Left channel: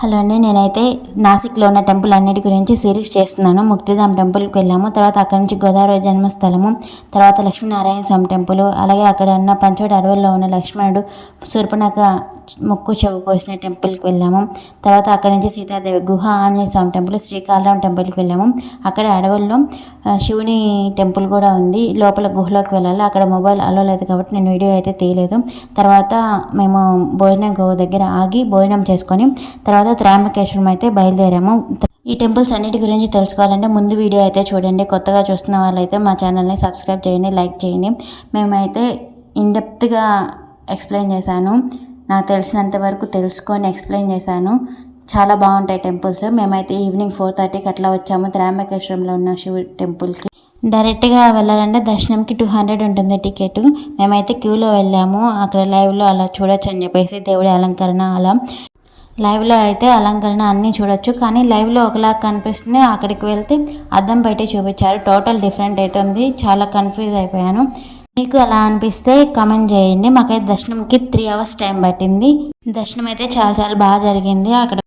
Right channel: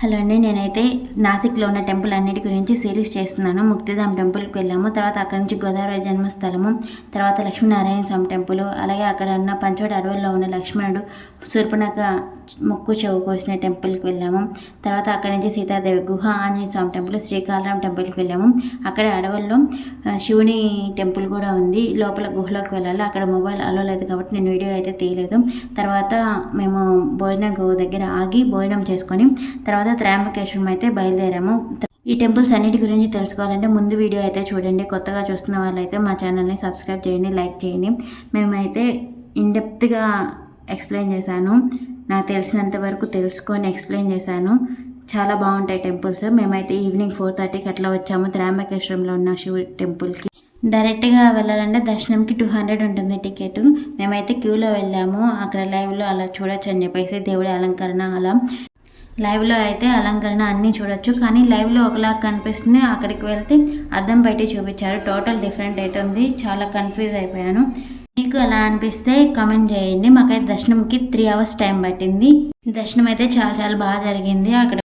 Hello అండి, నేనైతే నాసిక్లో ఉన్న టెంపుల్ అన్నిటి గురించి సిరీస్ చేస్తున్నాను. ముక్తిధామ్ టెంపుల్కి వెళ్ళాము, తర్వాత అక్కడి నుంచి గోదావరి జన్మస్థలము, తర్వాత లక్ష్మీనారాయణ స్వామి టెంపుల్, అలాగే అక్కడ ఉన్న పంచవటి అడవుల్లో ఉన్న లక్ష్మణుడు శూర్పణఖ ముక్కు చెవు కోసిన టెంపుల్కి వెళ్ళాము. తర్వాత అక్కడి నుంచి సీతాదేవి గుహ, ఆంజనేయ స్వామి టెంపుల్, శ్రీకాళరాం టెంపుల్కి వెళ్ళాము. అక్కడే అడవుల్లో శివుని టెంపుల్ కూడా ఉంది. లోపల గుహలోకి వెళ్ళాలి, అక్కడ మొబైల్ అలో లేదు కాబట్టి నేను వీడియో అయితే తీయలేదు. తర్వాత మేము భోజనం దగ్గర ఆగి భోజనం చేసుకొని తర్వాత త్రయంబకేశ్వరం అయితే బయలుదేరాము. ఈ టెంపుల్స్ అన్నిటి గురించి తెలుసుకోవాలంటే ముందు వీడియో అయితే చూడండి. కొత్తగా చూస్తున్న వాళ్ళైతే మా ఛానల్ని సబ్స్క్రైబ్ చేయండి, లైక్ చేయండి. మేమైతే ఇన్డెప్త్గా ఎక్స్ప్లెయిన్ చేశాను, నాకు తెలిసినంత వరకు తెలుసుకొని ఎక్స్ప్లెయిన్ చేశాను. చాలా బాగుంటాయి టెంపుల్స్. మేమైతే ఈవినింగ్ 4:30కి అట్లా వచ్చాము త్రయంబకేశ్వరంలో ఉన్న శివుడి టెంపుల్కి. డైరెక్ట్గా వెళ్ళాలంటే దర్శనంకి 200 ఉంటుంది టికెట్. మేమైతే క్యూలో వెళ్ళాము, అక్కడ లైవ్లో అలా చూడొచ్చు అని చెప్పేసి దేవుడి అలంకరణ అలా. లైవ్లో అయితే అలంకరణ అన్నీ చూడొచ్చు, కానీ లైవ్లో ఒకలాగా కనిపిస్తుంది, అక్కడికి వెళ్తే అద్దం బయట చూపించారు, టోటల్ డిఫరెంట్ అవుతుంది. చాలా కన్ఫ్యూజ్ అయిపోయాను. మీకు అలా అనిపిస్తే కామెంట్ చేయండి. మాకైతే దర్శనంకి 3 hours టైం పట్టింది. దర్శనం అయితే చాలా చాలా బాగా జరిగింది. అక్కడ